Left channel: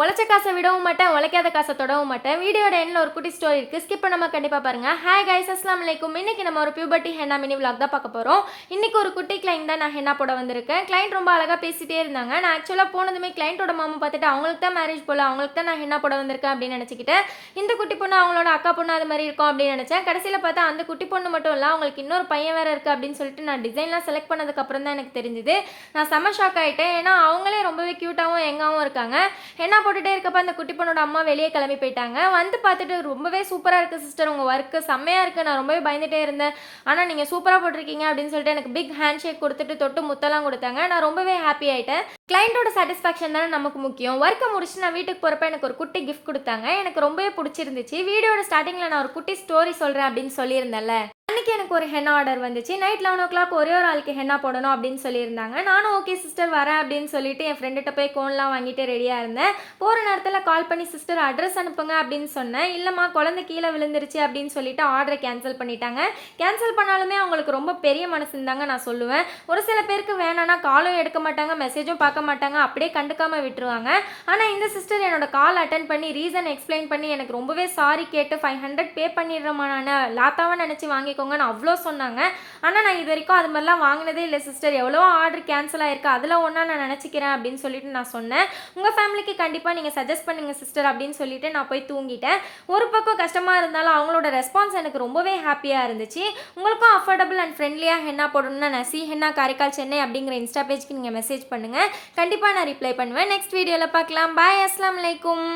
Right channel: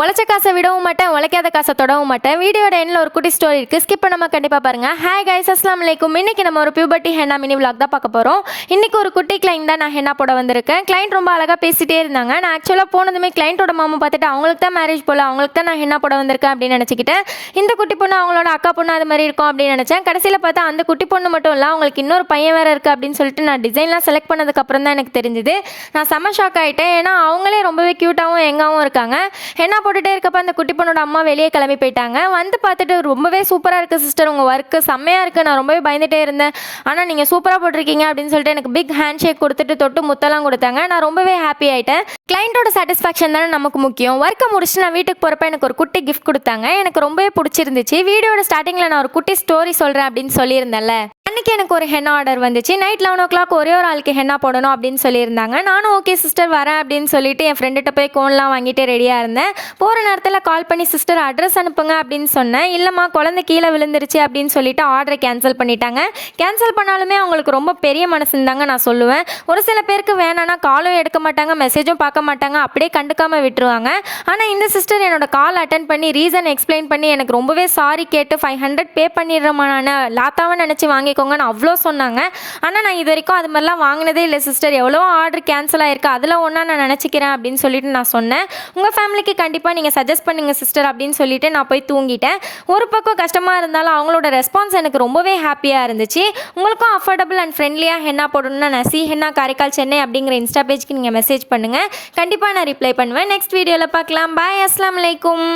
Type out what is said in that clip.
உழைச்ச காசை விடவும் மாட்டேன், உழைக்காத காசை தொடவும் மாட்டேன். வீடியோட எண்ணில் ஒரு குட்டி ஸ்டோரி இருக்குது, ஸ்கிப் பண்ணாமல் கண்டிப்பாக பாருங்கள். ஹாய் கைஸ், அஸ்ஸலாமு அலைக்கும். இன்றைக்கி நம்ம ஒரு பியூபர்ட்டி ஹென்னா மினி விலாக் தான் பார்க்க போகிறோம். இன்றைக்கி ஒரு குட்டி கிளைண்ட் தான் நான் ஹென்னா போட வந்திருக்கேன். கிளைண்ட் ரொம்ப அழகாக பேசிகிட்டே இருந்தாங்க. நான் ஆக்சுவலாக போனதுமே கிளைண்ட்டோட மாமா பார்த்துட்டு அவங்களுக்கு தான் மேரேஜ் போல், அவங்களுக்கு தான் நான் ஹென்னா போட வந்திருக்கேன் அப்படின்னு நினச்சிக்கிட்டேன். இந்த குட்டி பொண்ணு அவங்களோட அக்கா பொண்ணு அது மாதிரி இருக்கும் அப்படின்னு நினச்சேன். கடைசியில் பார்த்தா அந்த குட்டி பொண்ணு மட்டும் இல்லை, அவங்களுக்கு இன்னொரு பையன் வேறு இருக்குது அப்படின்னு சொல்லிட்டு நான் டிசைன்லாம் செலக்ட் பண்ணதுக்கப்புறம் தான் எனக்கு தெரிஞ்சுது. நான் செம்ம ஷாக் ஆகிட்டேன். ஏன்னா அவங்களே ரொம்பவே க்யூட்டாகவும் எங்காவும் இருக்காங்க. ஹென்னா போட்டுகிட்டே இருக்கப்போ அந்த குட்டி பொண்ணோட அம்மா வெளியே கிளம்பி போயிட்டாங்க. வந்து பார்த்துட்டு ரொம்பவே சூப்பராக இருக்குது சிஸ்டர், உங்கள் ஒர்க்கு செம்மையாக இருக்குது, நான் ரொம்பவே பயந்துகிட்டே இருந்தேன், ஆனால் நீங்கள் சூப்பராக போட்டிருக்கீங்க அப்படின்னு சொல்லிட்டு எனக்கு பிக் ஹேண்ட் ஷேக் கொடுத்துட்டு தொட்டு முத்தெல்லாம் கொடுத்தாங்க. நான் ரொம்பவே ஹாப்பி ஆகிட்டேன். கிளைண்ட்டோட சாட்டிஸ்ஃபேக்ஷன் தானே நமக்கு முக்கியம். ஒர்க்கை முடிச்சுட்டு நான் வீட்டுக்கு போகிறப்ப எனக்கு ஒரு குட்டி கிஃப்ட் கொடுத்தாங்க. எனக்கு ரொம்பவே பிடிச்சிருந்துச்சு. வீடியோட ஸ்டார்டிங்கில் நான் ஒரு குட்டி ஸ்டோரி சொல்கிறேன் அப்படின்னு சொல்லியிருந்தேன்ல, அன்றைக்கி எனக்கு ஒரு ஹென்னா ஆர்டர் வந்துச்சு. நைட் 11 o'clock ஒரே ஒரு ஆளுக்கு ஹென்னா போடணும் அப்படின்னு சொல்லியிருந்தாங்க. நானும் ஓகே சிஸ்டர் வரேன் அப்படின்னு சொல்லிட்டு என் ஃப்ரெண்டுகிட்ட போய் கோன்லாம் வாங்கிட்டு ரெடியாக இருந்தேன். போகிற நேரத்தில் கால் பண்ணி சிஸ்டர் அட்ரஸ் அனுப்புங்க அப்படின்னு சொன்னேன். இல்லைம்மா குழந்தை கீழே விழுந்துருச்சு அப்படின்னு சொல்லிட்டு ஆர்டரை கேன்சல் பண்ணிட்டாங்க. கேன்சல் பண்ணாலுமே அவங்களுக்கு ரொம்ப பெரிய மனசுந்தாங்க நான் சொல்லுவேன். ஒரு சில பேருக்கு வேணான்னா காலும் எடுக்க மாட்டாங்க, மெசேஜும் பார்க்க மாட்டாங்க, அப்படியே கண்டுக்காமல் விட்டுருவாங்க. ஆனால் இந்த சிஸ்டர் என்னோட கால் அட்டன் பண்ணி ரீசன் எக்ஸ்பிளைன் பண்ணி எனக்கு ரொம்பவே சாரி கேட்டு 500 பே பண்ணிடுறேம்மா, நான் லாத்தாவை நினச்சி வாங்கிக்கோங்கன்னு அவ்வளோ சொன்னாங்க. ஆனால் நான் இது வரைக்கும் அது மாதிரிலாம் வாங்கினதே இல்லை சிஸ்டர், எவ்வளோ ஆர்டர் கேன்சல் ஆகிருக்கு, அதில் ஒன்றா நான் நினச்சிக்கிறேன் அப்படின்னு சொல்லிட்டு நான் சொன்னேன். உங்கள் ஃபேமிலிக்கு கண்டிப்பாக நீங்கள் சஜஸ்ட் பண்ணுங்கள் சிஸ்டர் அப்படின்னு சொல்லிட்டு நான் போய் தூங்கிட்டேன். ஒரு பக்கம் கஷ்டமாக இருந்தாலும் அவங்களோட ரெஸ்பான்ஸ் எனக்கு ரொம்பவே ஹாப்பியாக இருந்துச்சு. உங்களுக்கும் அஃபோர்டபுள் அண்ட் ஃப்ரெண்ட்லியாக ஹென்னா போடணும்னா நசி ஹென்னா காரைக்கால் சென்னை அப்படிங்கிற இன்ஸ்டா பேஜ்க்கு நீங்கள் மெசேஜ் பண்ணுங்கள். கண்டிப்பாக நான் ரிப்ளை பண்ணுவேன். நெக்ஸ்ட் வீடியோவில் பார்க்கலாம். பாய், அஸ்ஸலாமு அலைக்கும்.